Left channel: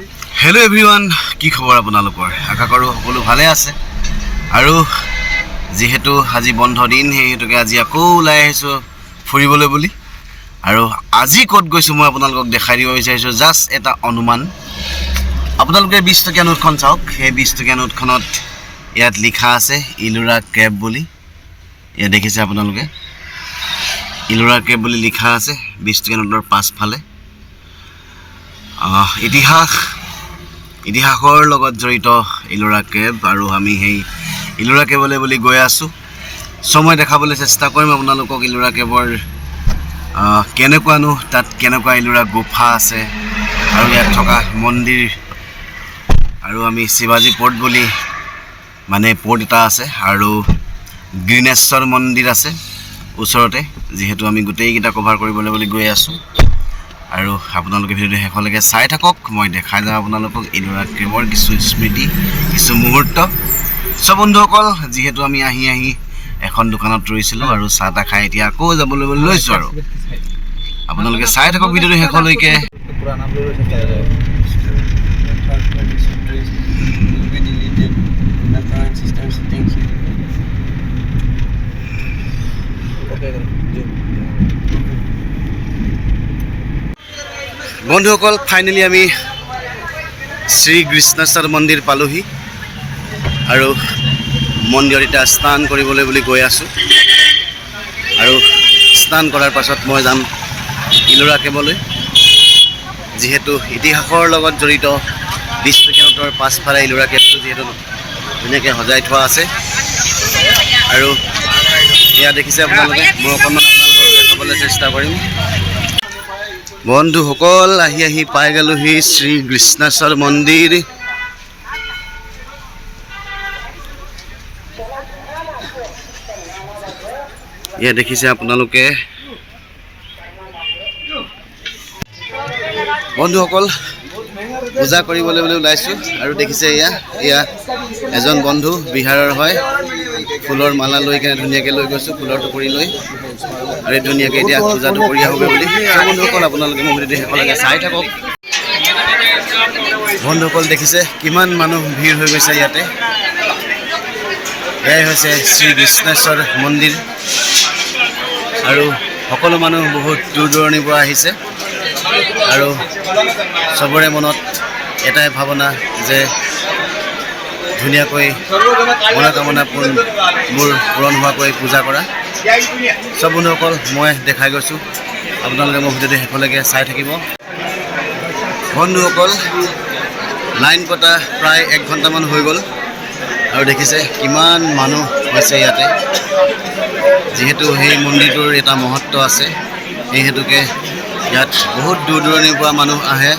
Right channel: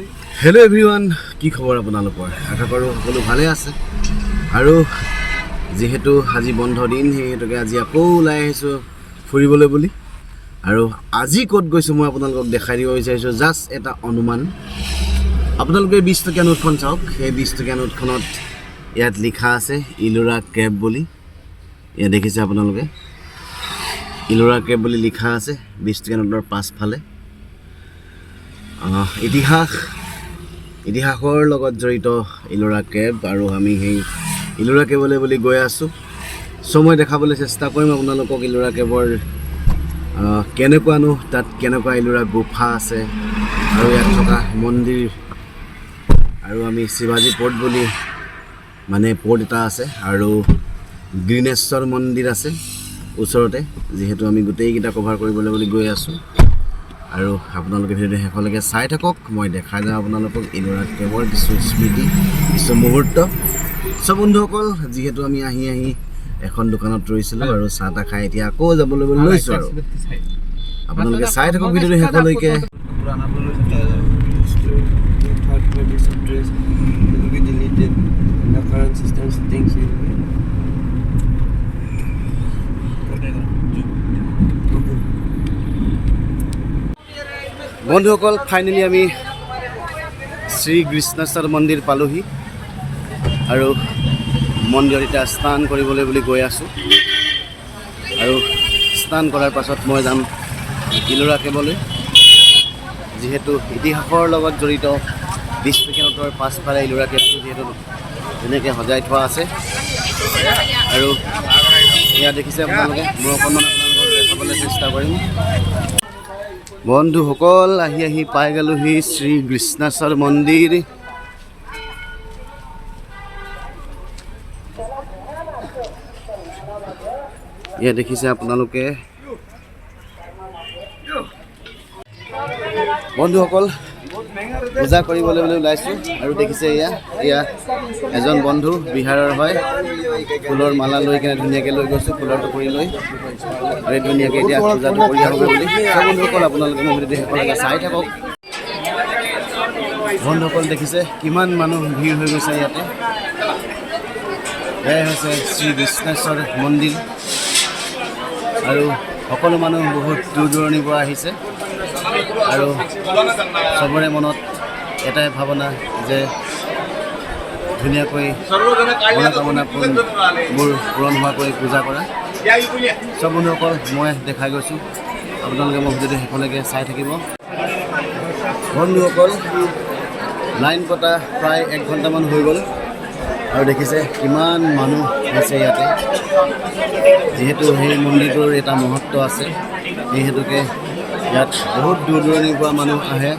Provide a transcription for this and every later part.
Hello everyone की खबर আপোনালোকৰ আশা কৰো সকলো ভালে আছে আৰু যেহেতু আজি বন্ধ দিন হেতুকে আজি আকৌ ওলাই আহিছো ফুৰিবলৈ বুলি আৰু আজি ক'ত গৈছো মই আপোনালোকক দেখাই দিব বিচাৰিছো জাস্ট এটা অনুমান আপোনালোকে 20 টকীয়া নোটখন চাওক সেই 20 টকীয়া নোটখনত ইয়াত লিখা আছে ইলোৰা কেব বুলি ইয়া দেখিছে আপোনালোকে ইলোৰা কেব বুলি লিখা আছে 20 টকীয়া নোটৰ পাছফালে ইতিহাসৰ লগত জড়িত ইলোৰা কেব আৰু আমি সেই ইলোৰা কেবলে বুলি গৈ আছো সময় দেখাবলৈ চেষ্টা কৰিম আপোনালোকক ইলোৰা কেবৰ কেনেকুৱানো তাত কেনেকুৱা ইলোৰা গুফা আছে আৰু ইয়াত থকা মন্দিৰ আৰু আমি শিৱাজী পোৰ্ট বুলি মানে পোৰ্ট এটা আছে আৰু গ্ৰীনেশ্বৰ মন্দিৰ আছে ওচৰতে যেহেতু আমি গোটেইকেইটা কভাৰ কৰিবলৈ বুলি গৈ আছো আৰু আপোনালোকে ভিডিঅ'টো শেষলৈকে চাই থাকক মই দেখাই যাম আপোনালোকক ইলোৰা কেবৰ কিছু স্মৃতি কিছু মুহূৰ্ত সব বন্ধুসকল যেহেতু আমি আহি এখন দোকানত ৰৈছিলো আৰু চাহটা খাই এতিয়া আকৌ যাবলৈ লৈছো আৰু আপোনালোকে চাই থাকক ভিডিঅ'টো শেষলৈকে বন্ধুসকল ফাইনালি আমি শ্ৰী কৃষ্ণেশ্বৰ মন্দিৰ পালোহি আৰু মন্দিৰত এটা স্নান কৰিবলৈ বুলি গৈ আছো আৰু স্নান কৰাৰ পাছত মই যাম ইলোৰা কেবলৈ যেহেতু ইতিহাসৰ লগত জড়িত 20 টকীয়া নোটৰ পাছফালে ইলোৰা কেবটো যেহেতু ধুনীয়াকৈ সজাই থোৱা আছে আৰু এয়া দেখিছে আপোনালোকে মই অকণমান আপোনালোকক দেখাবলৈ চেষ্টা কৰিম বন্ধুসকল আহি পাই গ'লোহি শ্ৰী কৃষ্ণেশ্বৰ মন্দিৰ এয়া দেখিছে আপোনালোকে বন্ধুসকল পূজা কৰিবলৈ বুলি ওলাইছো আৰু দেখিছে এয়া এজন বন্ধু বিহাৰৰ হয় ফুলৰ মালা লৈ কেনে ধুনীয়াকৈ লৈ গৈছো ফুলৰ টুকুৰি লৈ আৰু ধুনীয়াকৈ এতিয়া পূজাটো কৰি আহোগে বুলি সব বন্ধুসকল আপোনালোকে মোৰ ভিডিঅ'টো শেষলৈকে চাই থাকক বন্ধুসকল দেখিছে কিমান মানুহ ভিৰ হৈ গৈছে ইয়াতে এয়াই হৈছে শ্ৰী কৃষ্ণেশ্বৰ মন্দিৰ আৰু সকলো মানুহ বহুত দূৰ দূৰণিৰ পৰা আহিছে আৰু সবৰে মনত এটাই ভাৱনা যে ধুনীয়াকৈ মনোকামনা পূৰণ হোৱাকৈ পূজা কৰা সব বন্ধুসকল মই দেখাই গৈছোঁ আপোনালোকে মোৰ ভিডিঅ'টো শেষলৈকে চাই থাকিব বন্ধুসকল লাইন পতা প্ৰায় 1 ঘণ্টামান হৈ গ'ল আৰু দেখিছে কিমান মানুহ হৈছে ইয়াতে যেহেতু সেই মন্দিৰটোৰ এটা মহত্ব আছে এই হেতুকে ইয়াত বহুত দূৰ দূৰণিৰ পৰা মানুহ আহে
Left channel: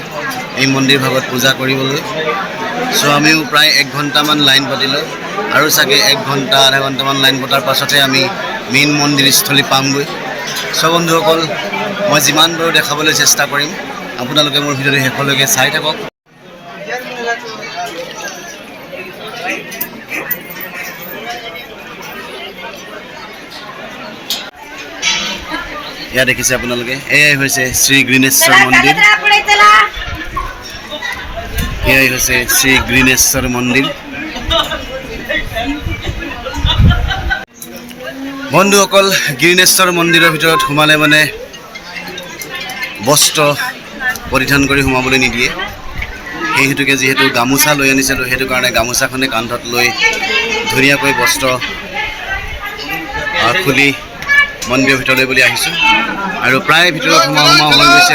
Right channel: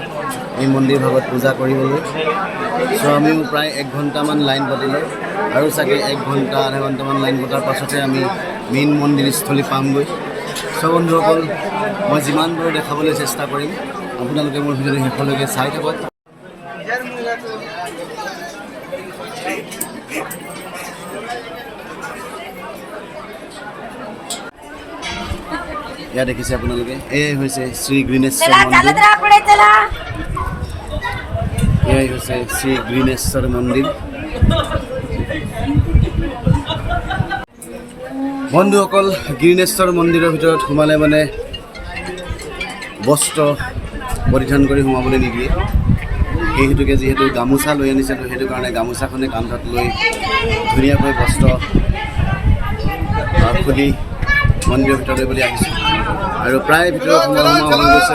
এই মন্দিৰ ভাগত পূজা কৰিবলৈ সো আমিও প্ৰায় 1 ঘণ্টামান লাইন পাতিলোঁ আৰু চাগে 1 ঘণ্টা আধা ঘণ্টামান লাইন পতাৰ পাছতে আমি মেইন মন্দিৰস্থলী পামগৈ সব বন্ধুসকল মই যিমান পাৰোঁ দেখাবলৈ চেষ্টা কৰিম আপোনালোকে মোৰ ভিডিঅ'টো শেষলৈকে চাই থাকক এয়া দেখিছে আপোনালোকে এয়াই হৈছে শ্ৰী গ্ৰীনেশ্বৰ মন্দিৰ এয়াই হৈছে শ্ৰী গ্ৰীনেশ্বৰ মন্দিৰ বন্ধুসকল গ্ৰীনেশ্বৰ মন্দিৰৰ ভিতৰত সোমালে মানে বস্ত্ৰ পৰিধান কৰি সোমাবলৈ নিদিয়ে সেই হেতুকে যেহেতু গামোচা লৈ আনিছিলোঁ সেইটো কাৰণে গামোচাখনে কান্ধত লৈ ধুনীয়াকৈ বস্ত্ৰ খুলি মন্দিৰৰ ভিতৰলৈ বুলি আহিছোঁ আৰু প্ৰায় ভিতৰত সোমাও হৈ গৈছে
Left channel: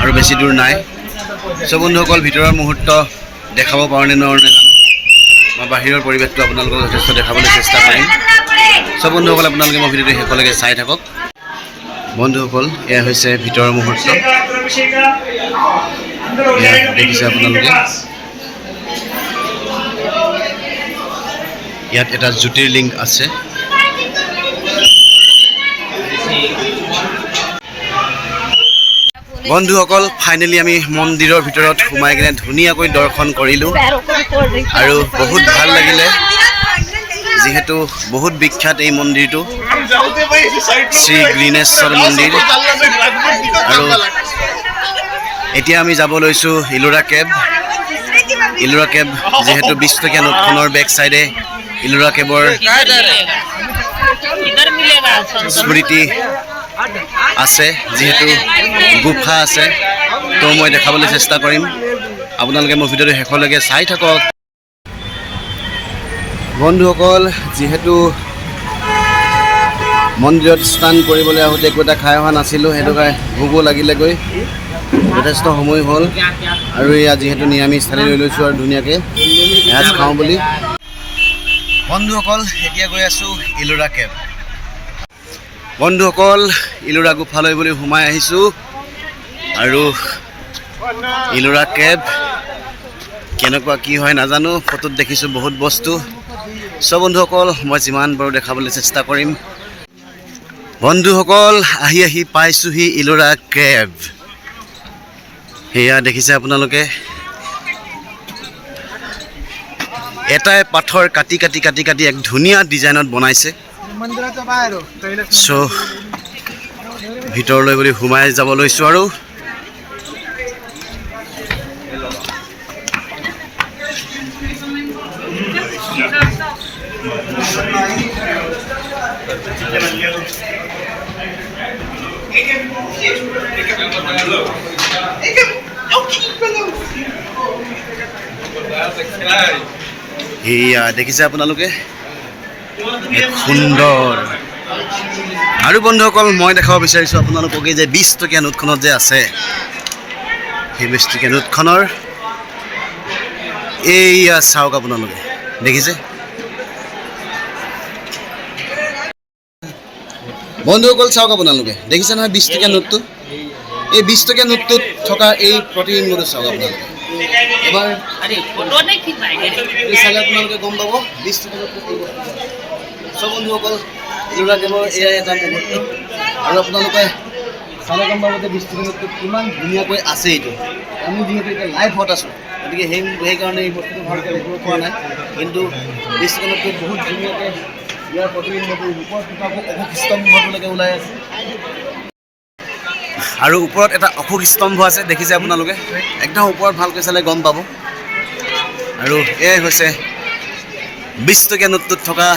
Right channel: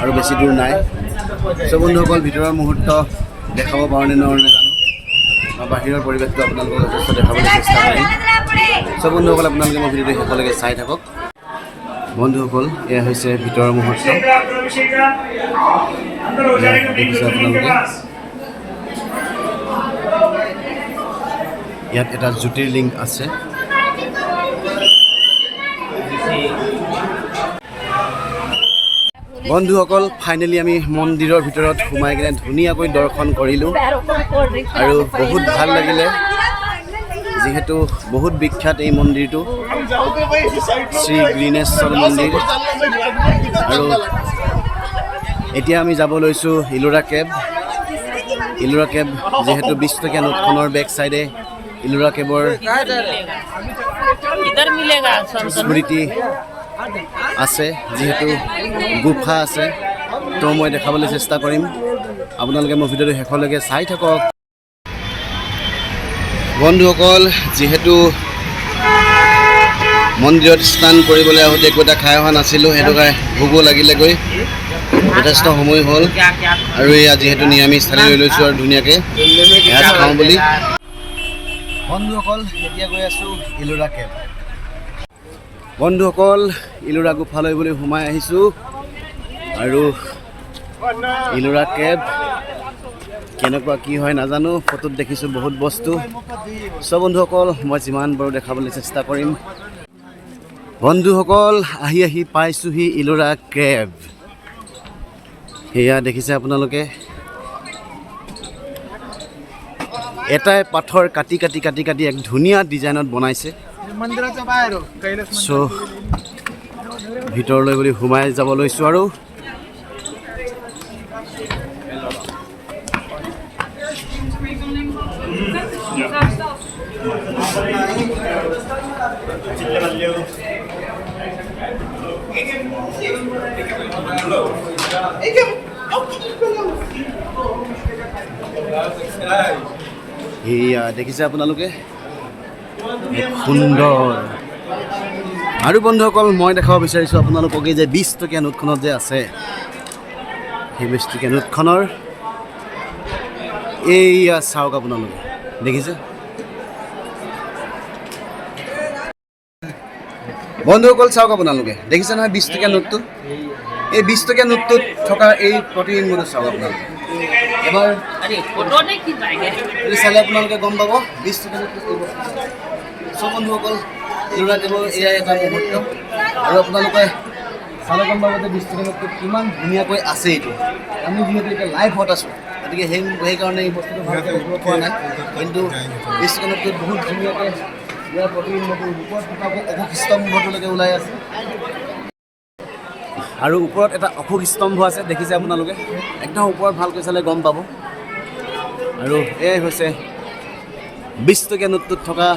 আৰু বেছি দূৰ নাই সব বন্ধুসকল ভিতৰৰ মুহূৰ্ত দেখাব পাৰোঁনে নোৱাৰোঁ নাজানো মই বাহিৰৰ পৰিৱেশটো আপোনালোকক যথেষ্ট দেখাবলৈ চেষ্টা কৰিম সব বন্ধুসকল আপোনালোকে মই ভিডিঅ'টো শেষলৈকে চাই থাকক বন্ধুসকল এয়া হৈছে ভিতৰৰ মুহূৰ্ত এয়া দেখিছে আপোনালোকে ইয়াত এটা জ্যোতিৰ্লিংগ আছে বন্ধুসকল ফাইনেলি আমি মন্দিৰৰ ভিতৰত সোমাই কিনে ধুনীয়াকৈ দৰ্শন কৰিলোঁ আৰু বহুত ভাল লাগিলে যেহেতু বহুত বিখ্যাত এই মন্দিৰটো শ্ৰী গ্ৰীনেশ্বৰ মন্দিৰ আৰু এতিয়া আমি যাব লৈছোঁ ইলোৰা কেব। ইলোৰা কেব যিহেতু 20 টকীয়া নোটখনৰ বেক চাইডে ইলোৰা কেবৰ স্মৃতি আছে, যিহেতু গুফা আছে, তো মই দেখাবলৈ চেষ্টা কৰিম। আপোনালোকে মোৰ ভিডিঅ'টো শেষলৈকে চাই থাকক। বন্ধুসকল, যিহেতু মন্দিৰত স্নান কৰিবলৈ আহোঁতে একো এটা খাই অহা নাছিলোঁ, সেইটো কাৰণে ভোকো লাগিলেগৈ, যথেষ্ট সময় হ'ল। আৰু এয়া যিহেতু নিৰামিষ থালি লৈ লৈছোঁ আৰু ধুনীয়াকৈ এসাঁজ খাওঁ বুলি। বন্ধুসকল, এতিয়া গৈ আছোঁ ইলোৰা কেব। বন্ধুসকল, ইলোৰা গুফালৈ বুলি সোমাই আহিছোঁ আৰু ইলোৰা কেব কেনেকুৱা কি হয় নাজানো, ফটোত দেখিছোঁ বহুত বস্তু। চ' বন্ধুসকল, মই যিমান পাৰোঁ দেখাবলৈ চেষ্টা কৰিম। বন্ধুসকল, আহি পাইছোঁহি ইলোৰা কেব। সেয়া দেখিছে আপোনালোকে, এটাই পাথৰ কাটি এক ধুনীয়া ডিজাইনত বনাইছে। চ' ভিতৰলৈ বুলি সোমাই যাব লৈছোঁ আৰু এয়া দেখিছে আপোনালোকে, এক সুন্দৰ। আৰু বন্ধুসকল, মই দেখাব বিচাৰিছোঁ আপোনালোকক এই যে 20 টকীয়া নোটখনত যে আছে, সেই 20 টকীয়া নোটখনৰ এইয়া চাওক আপোনালোকে, দেখিছে বন্ধুসকল, চাওক আপোনালোকে, দেখিছে নহয় 20 টকীয়া নোটটো। এই 20 টকীয়া নোটটোত থকা এই প্ৰতিবিম্বটো চাওক আপোনালোকে। এবাৰ চালে আপোনালোকে গম পাব 20 টকীয়া নোটটো কি বস্তু। চ' বন্ধুসকল, ইলোৰা কেবৰ এয়াই এটা মুহূৰ্ত, আৰু আপোনালোকে চালে গম পাব যে 20 টকীয়া নোটটোত কিমান ধুনীয়াকৈ আছে। এইটো আমি যিহেতু এতিয়া লাইভত আছোঁ, গতিকে সেইকাৰণে এই বস্তুটো ভালকৈ দেখিব পৰা নাই, কিন্তু 20 টকীয়া নোটটোত বহুত ধুনীয়াকৈ ইয়াৰ প্ৰতিবিম্বটো ওপৰত থকা অশোক স্তম্ভটোলৈকে ওলাই আছে, আৰু ওপৰত এটা অশোক স্তম্ভ আছে, দেখিছে আপোনালোকে, একদম ওপৰত ভালকৈ চালে গম পাব। আৰু এয়াই হৈছে 20 টকীয়া নোটটোত থকা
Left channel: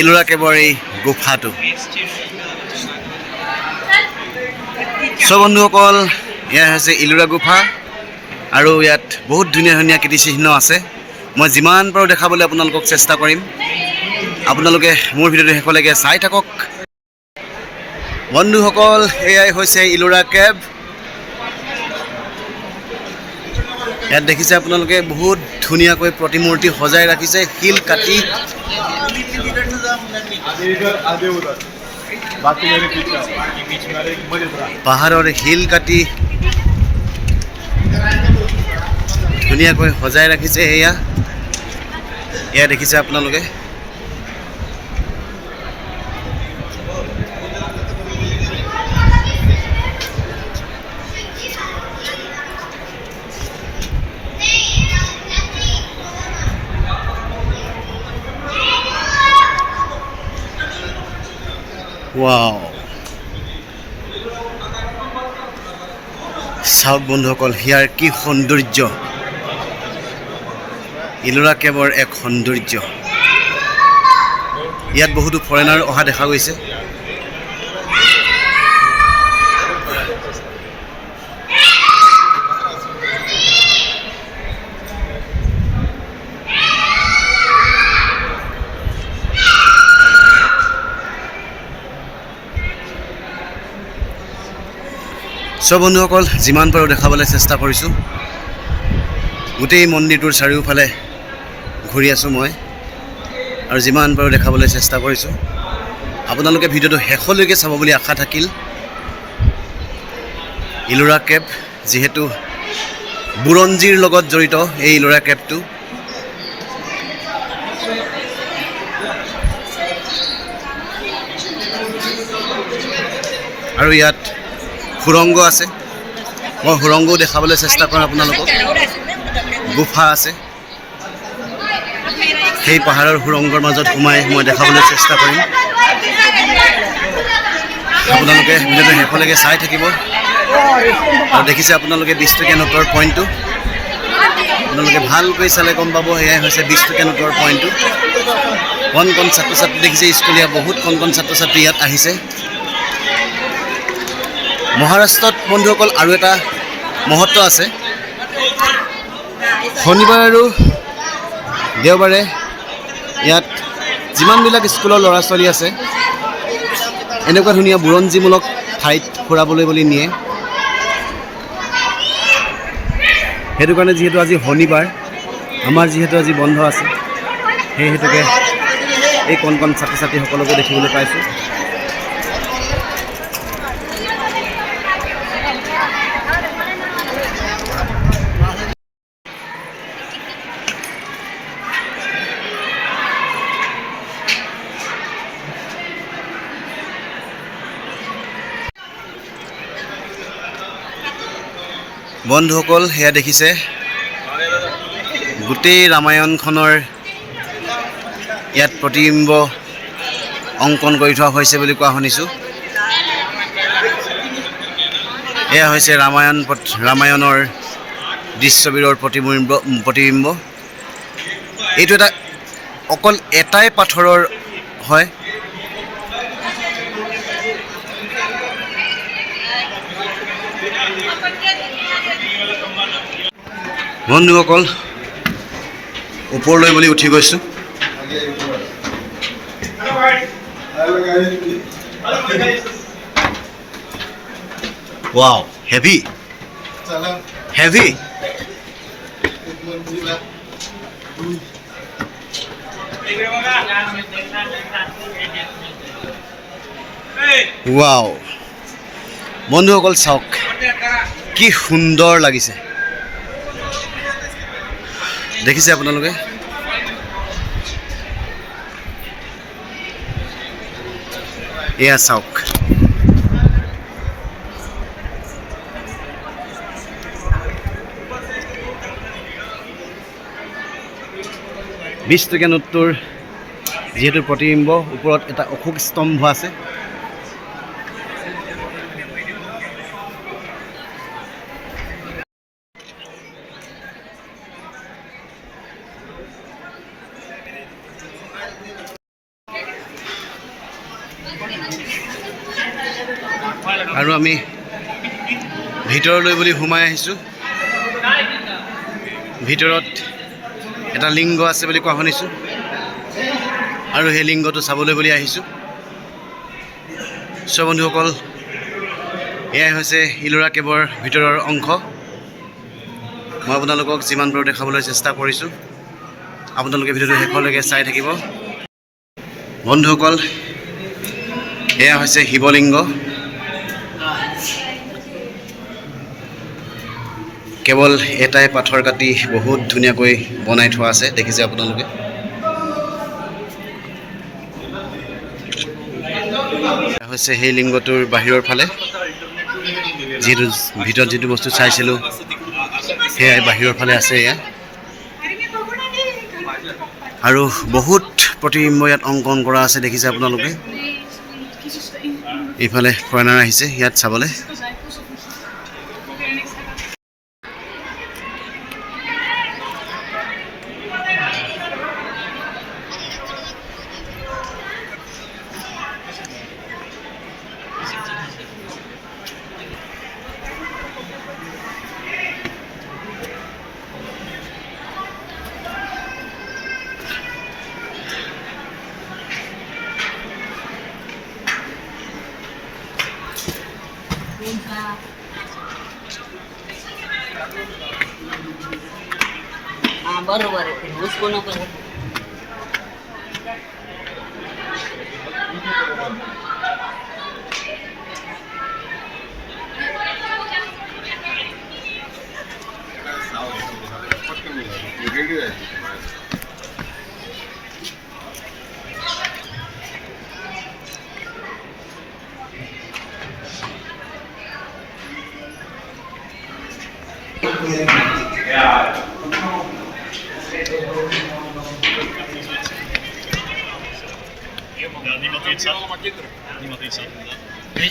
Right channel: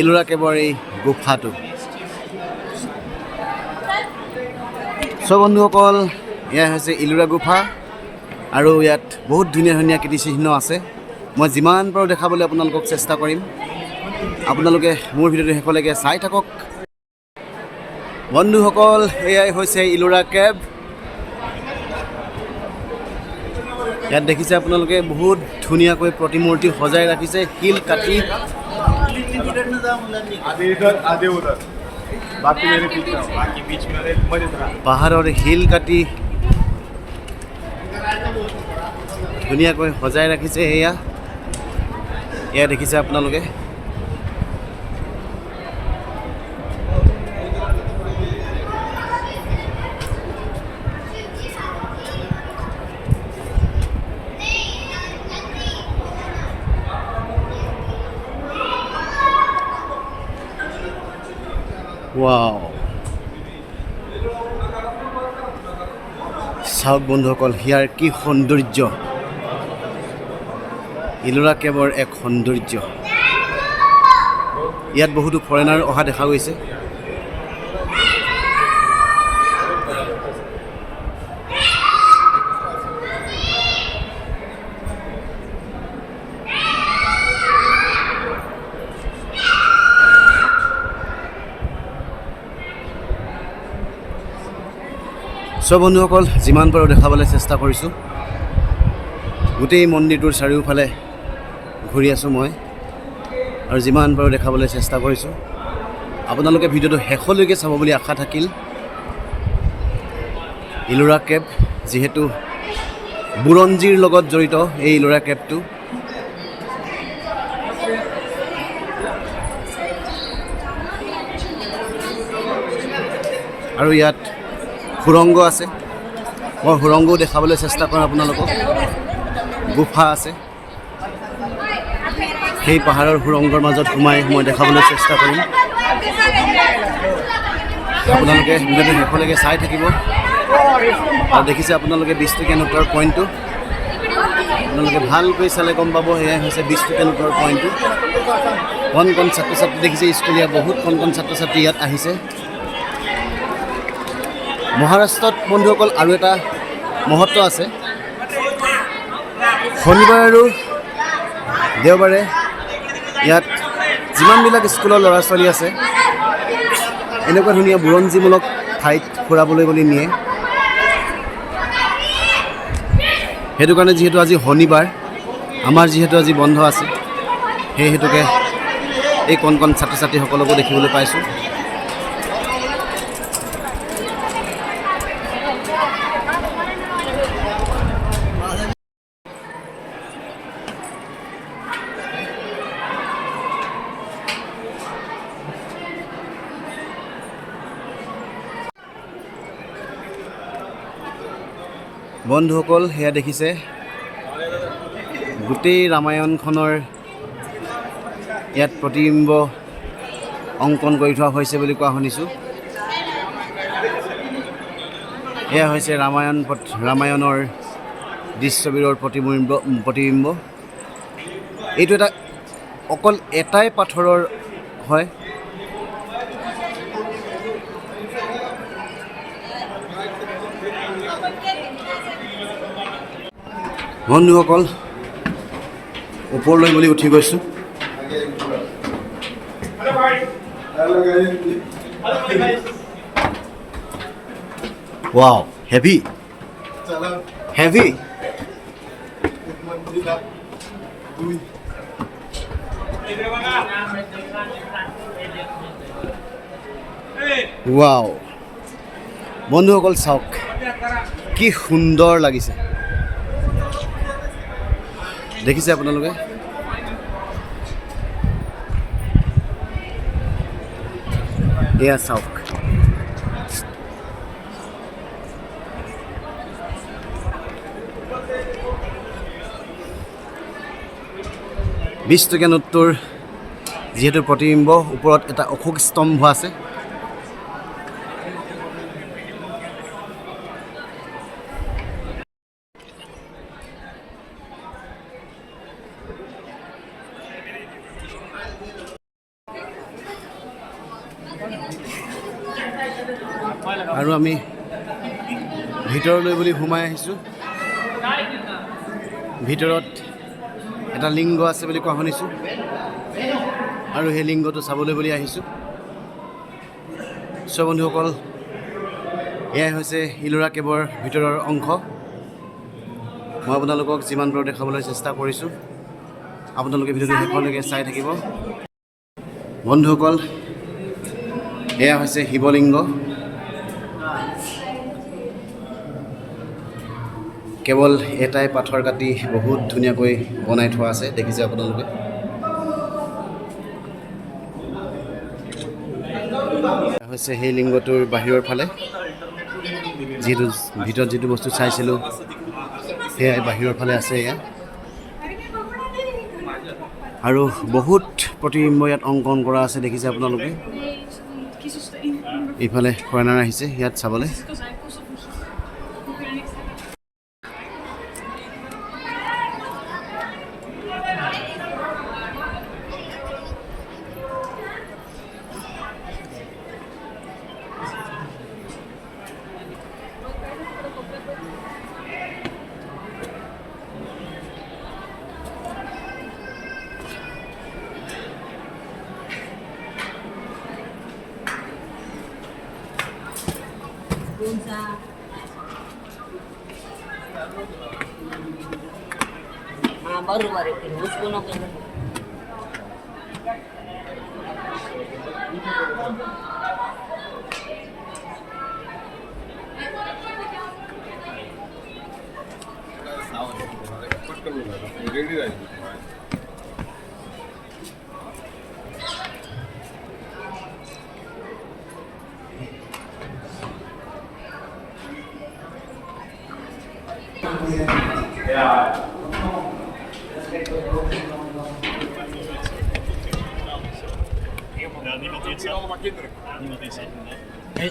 ইলোৰা কেবৰ এই গুফাটো। চ' বন্ধুসকল, এয়া হৈছে ইলোৰা গুফা, আৰু ইয়াত বহুত ধুনীয়া কীৰ্তিচিহ্ন আছে। মই যিমান পাৰোঁ দেখাবলৈ আপোনালোকক চেষ্টা কৰিম। আপোনালোকে মোৰ ভিডিঅ'টো শেষলৈকে চাই থাকক। বন্ধুসকল, এয়াই হৈছে ইলোৰা কেব। ইয়াত দেখিছে আপোনালোকে বহুত ধুনীয়াকৈ প্ৰতিমূৰ্তি সজাই ৰাখিছে, শিল কাটি। পাহাৰৰ শিল কাটি ধুনীয়াকৈ সজাই ৰাখিছে। এয়া দেখিছে আপোনালোকে। ৱাও, চাওক বন্ধুসকল, ইয়াৰ কি সৌন্দৰ্য। ইলোৰা কেবৰ এক সৌন্দৰ্য। ইয়াত বহুতো ফৰেনাৰ অহা দেখা গৈছে। চ' বন্ধুসকল, যিমান পাৰোঁ দেখাবলৈ চেষ্টা কৰিছোঁ। গোটেই মন্দিৰটোৰ চাৰিওফালে ঘূৰি আছোঁ মই, আৰু যিমান পাৰোঁ দেখাবলৈ চেষ্টা কৰিছোঁ। আপোনালোকে ভিডিঅ'টো শেষলৈকে চাব বুলি আশা থাকিল। ইলোৰা কেব যিহেতু বুৰঞ্জীৰ লগত জড়িত, এই ইলোৰা কেবটো। আৰু ইয়াত সুৰংগ আছে, মই সুৰংগও দেখাবলৈ চেষ্টা কৰিম আপোনালোকক। গুফা আছে, সেই পাহাৰৰ সুৰংগৰ মাজত সোমাই মই দেখাবলৈ চেষ্টা কৰিম। আপোনালোকে ভিডিঅ'টো শেষলৈকে চাই থাকিব। আৰু দেখিছে আপোনালোকে 20 টকীয়া নোটৰ পইণ্টটো আপোনালোকে ভালকৈ চালে গম পাব এয়াই হৈছে 20 টকীয়া নোটৰ পইণ্টটো কণ কণ ছাত্ৰ ছাত্ৰী দেখিছে স্কুলীয়া বহুত কণ কণ ছাত্ৰ ছাত্ৰী ইয়াত আহিছে মহাৰাষ্ট্ৰত বন্ধুসকল আৰু এটা মহত্ব আছে শনিবাৰ আৰু দেওবাৰে ইয়াত যিমানবিলাক স্কুলৰ ল'ৰা ছোৱালী আছে এনেকুৱা ধুনীয়া বুৰঞ্জীমূলক ঠাইত ফুৰাবলৈ বুলি নিয়ে সেইটো কাৰণে যিহেতু আজি শনিবাৰ আমাৰ যিহেতু আজি বন্ধ আছে সেই হেতুকে এই কণ কণ ছাত্ৰ ছাত্ৰীসকলকো দেখিবলৈ পাইছোঁ বন্ধুসকল সেয়া দেখিছে গোটেই ৰামায়ণখনৰ ইয়াত প্ৰতিবিম্ব অংকন কৰি থোৱা হৈছে বুলি কোৱা শুনিছোঁ এয়া হৈছে ৰামায়ণৰ দৃশ্যবিৰৰ প্ৰতিবিম্ব এইটো এটা অকল এটাই পাথৰৰ হয় বন্ধুসকল ওপৰলৈ বুলি উঠি গৈছোঁ ৱাও হেভি ৱাও বন্ধুসকল চাওক কি সুন্দৰ লাগিছে দেখিছে আপোনালোকে এয়া চাওক 20 টকীয়া নোটটোৰ যিহেতু প্ৰতিবিম্ব ওপৰত এটা অশোক স্তম্ভ আছে আৰু আমি ভিতৰলৈ বুলি সোমাই আহিছোঁ ভিতৰত এটা লিংগ আছে বুলি কোৱা শুনিছোঁ আৰু সেই লিংগটো চাবলৈ বুলি আহিছোঁ চ' বন্ধুসকল এয়াই হৈছে ইলোৰা কেবৰ ভিতৰৰ অংশ মই আপোনালোকক যিমান পাৰোঁ দেখাবলৈ চেষ্টা কৰিছোঁ আপোনালোকে ভিডিঅ'টো শেষলৈকে চাই থাকিব বন্ধুসকল এয়া হৈছে শিৱলিংগ কেৱল এটাই পাথৰ কাটি বহুত ধুনীয়াকৈ বনাই থোৱা আছে দেখিছে আপোনালোকে হৈছে সেই লিংগটোৰ বাহিৰৰ ফালে যিটো ভিতৰত যিটো বস্তু চাইছিলোঁ সেয়াই বাহিৰৰ ফালে আছে এয়া আৰু বহুত প্ৰতিবিম্ব ইয়াত অংকন কৰা আছে দেখিছে আপোনালোকে এইফালে ফৰেনাৰ আহিছে ইয়াত চাবলৈ बरोबर आहे उसको नको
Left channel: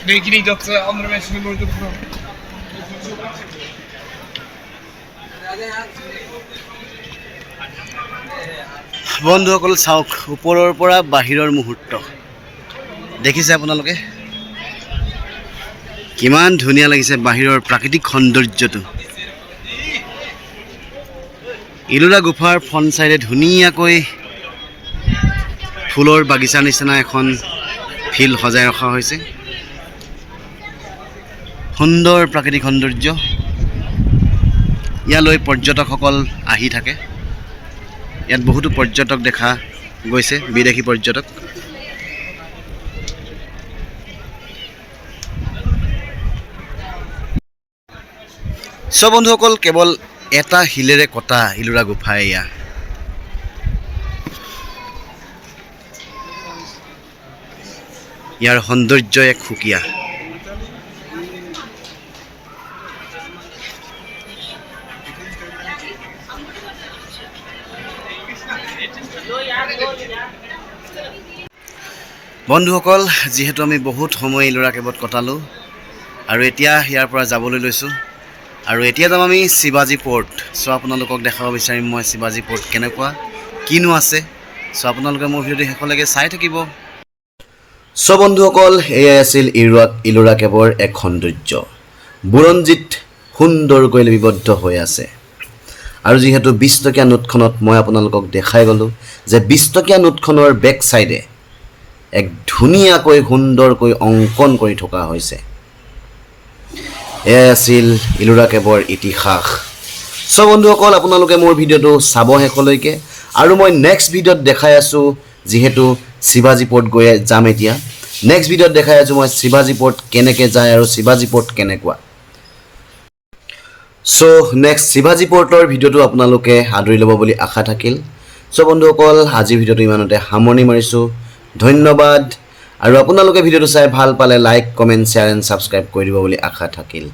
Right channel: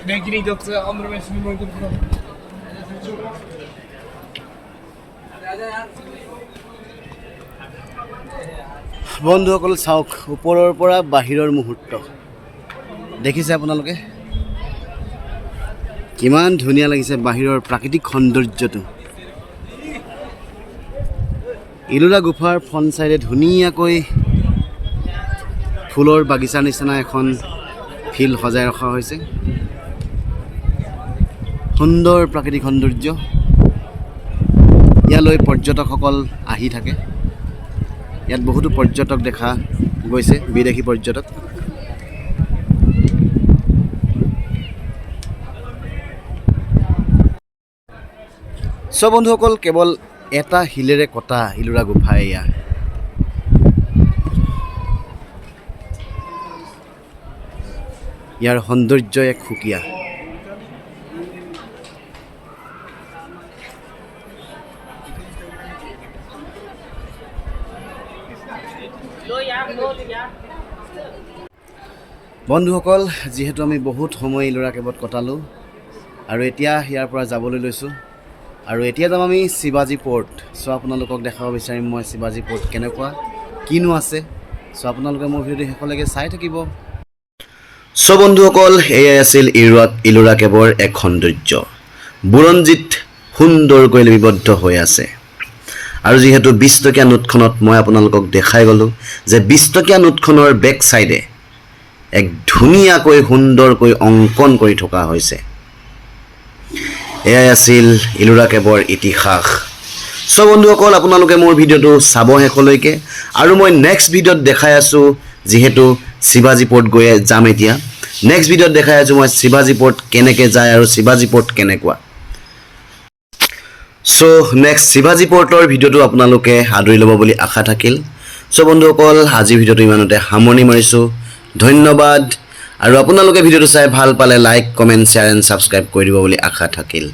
Denk je niet dat andere mensen nu nooit hebben gedaan? বন্ধুসকল চাওক ওপৰৰ পৰা বাহিৰৰ মুহূৰ্ত দেখিছে আপোনালোকে কিমান ধুনীয়া লাগিছে বাহিৰৰ প্ৰাকৃতিক সৌন্দৰ্যটো ইলোৰা গুফাৰ ফ্ৰণ্ট চাইডে ধুনীয়াকৈ ফুলৰ বাগিচা নিচিনা এখন ফিল্ড সজাই ৰখা হৈছে সুন্দৰ প্ৰাকৃতিক সৌন্দৰ্য ইয়ালৈ পৰ্যটকসকল আহি থাকে ইয়াত বহুতো পৰ্যটক দেখা গৈছে বিদেশী পৰ্যটক সব বন্ধুসকল কেৱল এটা হিলেৰে কটা ইলোৰা গুফা এয়া ইয়াৰ সৌন্দৰ্য এক সুকীয়া বন্ধুসকল যেহেতু আমি বহুত সময় ইলোৰা কেবত কটালোঁ আৰু এতিয়া ইয়াৰ পৰা যাবলৈ লৈছোঁ আৰু এতিয়া যাম আমি শিৱাজী পৰ্ট সো আপোনালোকক দেখাব বিচাৰিম মই শিৱাজী পৰ্ট কেনেকুৱা কিনো আছে সো আপোনালোকে মোৰ ভিডিঅ'টো শেষলৈকে চাই থাকিব সো বন্ধুসকল এয়াই আছিল ইলোৰা কেবৰ এক সৌন্দৰ্য বুৰঞ্জীত সুন্দৰকৈ লিপিবদ্ধ হৈ আছে আৰু যেহেতু 20 টকীয়া নোটখনত মই আপোনালোকক দেখাই গ'লোঁ যে 20 টকীয়া নোটখনৰ বেক সাইডে এক ধুনীয়াকৈ সুন্দৰকৈ অংকন কৰি থকা হৈছে এয়াই আছিল ইলোৰা কেবৰ ইতিহাস সো বন্ধুসকল আপোনালোকে মোৰ ভিডিঅ'টো চাব শেষলৈকে আৰু মই নেক্সট ভিডিঅ'ত দেখাই আছোঁ যেহেতু শিৱাজী পৰ্ট গৈ যাম এতিয়া নেক্সট ভিডিঅ'ত দেখাই আছোঁ মই শিৱাজী পৰ্ট কেনেকৈ যায় আৰু শিৱাজী পৰ্ট কেনেকুৱা সো নেক্সট শিৱাজী পৰ্টৰ ভিডিঅ'টো আপোনালোকে আদৰি ল'ব বুলি আশা থাকিল সো বন্ধুসকল আজিৰ ভিডিঅ'টো ইমানতে সামৰণি মাৰিছোঁ ধন্যবাদ আৰু আপোনালোকে ভিডিঅ'টো চাই ভাল পালে like comment share and subscribe কৰি দিব বুলি আশা থাকিল